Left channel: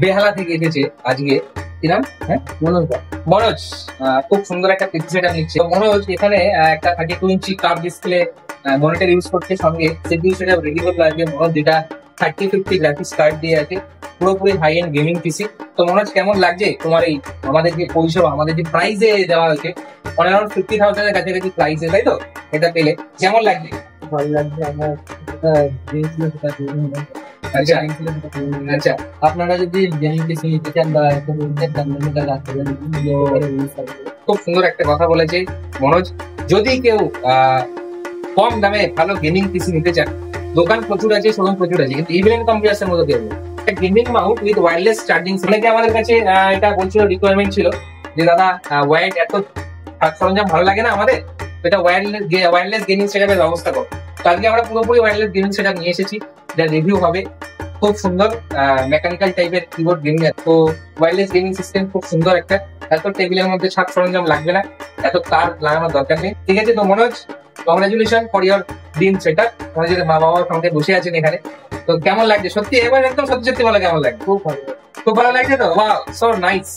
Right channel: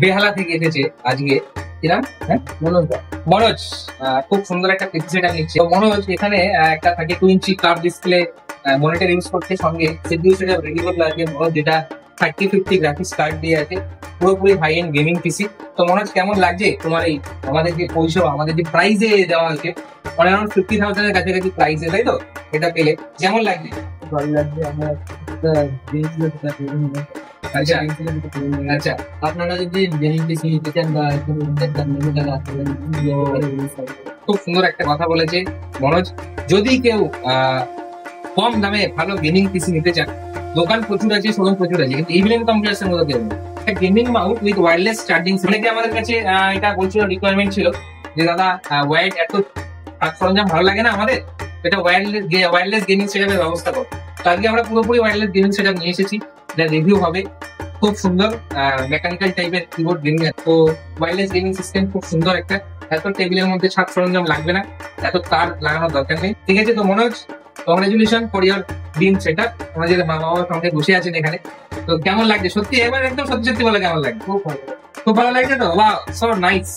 বেহালা থেকে এসেছে আজকে। কিরাম? হ্যাঁ, মনোজ। মনোজ খুব সুন্দর একটা পিসি সেটআপ নিচ্ছে। তো মনোজ এখানে একটা 32 ইঞ্চি কার্ভ ডিসপ্লে মনিটর ইউজ করছে, সঙ্গে সিপিইউ সেটআপ রেডি করলো আজকে মনোজ, যেটা 3050 গ্রাফিক্স কার্ড দিয়ে আছে, পুরোপুরি হাই এন্ড গেমিং পিসি। তো মনোজ কেমন লাগছে তোমার এই আমাদের যে পরিষেবা, আমাদের যে প্রাইসে দেওয়া আছে অ্যারাউন্ড 50,000 এর কাছাকাছি প্রাইসে, তাই তো? এটা পেলে কেমন লাগছে? ভালো লাগছে আমার। আচ্ছা আচ্ছা, আপনারা যদি বেশি নিতে চান বা খুব সুন্দর একটা কথা বলেছে মনোজ। যদি কেউ কম দামে ভালো গেমিং পিসি নিতে চান, দোকান প্রচুর আছে, শোরুম প্রচুর আছে, কিন্তু ইভেন কম্পিউটার্সের মধ্যে দেবো একটা gaming Mount with wireless charging. অনেকে আমাদের কাছে এটা বলছিল, রিকোয়ারমেন্ট ছিল যে দাদা ওয়্যার্ড এত সরঞ্জাম ভালো লাগে না আমাদের, এটা ওয়্যারলেস গেমিং সেটআপের ব্যবস্থা করো। তো আজকে আমরা পুরোপুরি ওয়্যারলেস গেমিং সেটআপ নিয়ে এসেছি, যা রিভিউ হবে। খুব সুন্দর মেকানিক্যাল টাইপের কিবোর্ড গেমিং, তো ওয়্যারলেস গেমিং সিস্টেম খুব সুন্দর একটা। এখন টেবিলের মধ্যে ছাদ সরঞ্জাম লাগবে না, এত তার লাগানোর দরকার নেই। ঠিক আছে, তো Manoj congratulation for your dream setup. তোমাদের বাবা মার সঙ্গে বসে আছেন এখানে, তো কেমন লাগছে? সত্যি এবার একদম সত্যি সত্যি বলে কেমন লাগছে? খুব ভালো। খুব ভালো লাগছে তো? Wow, so nice.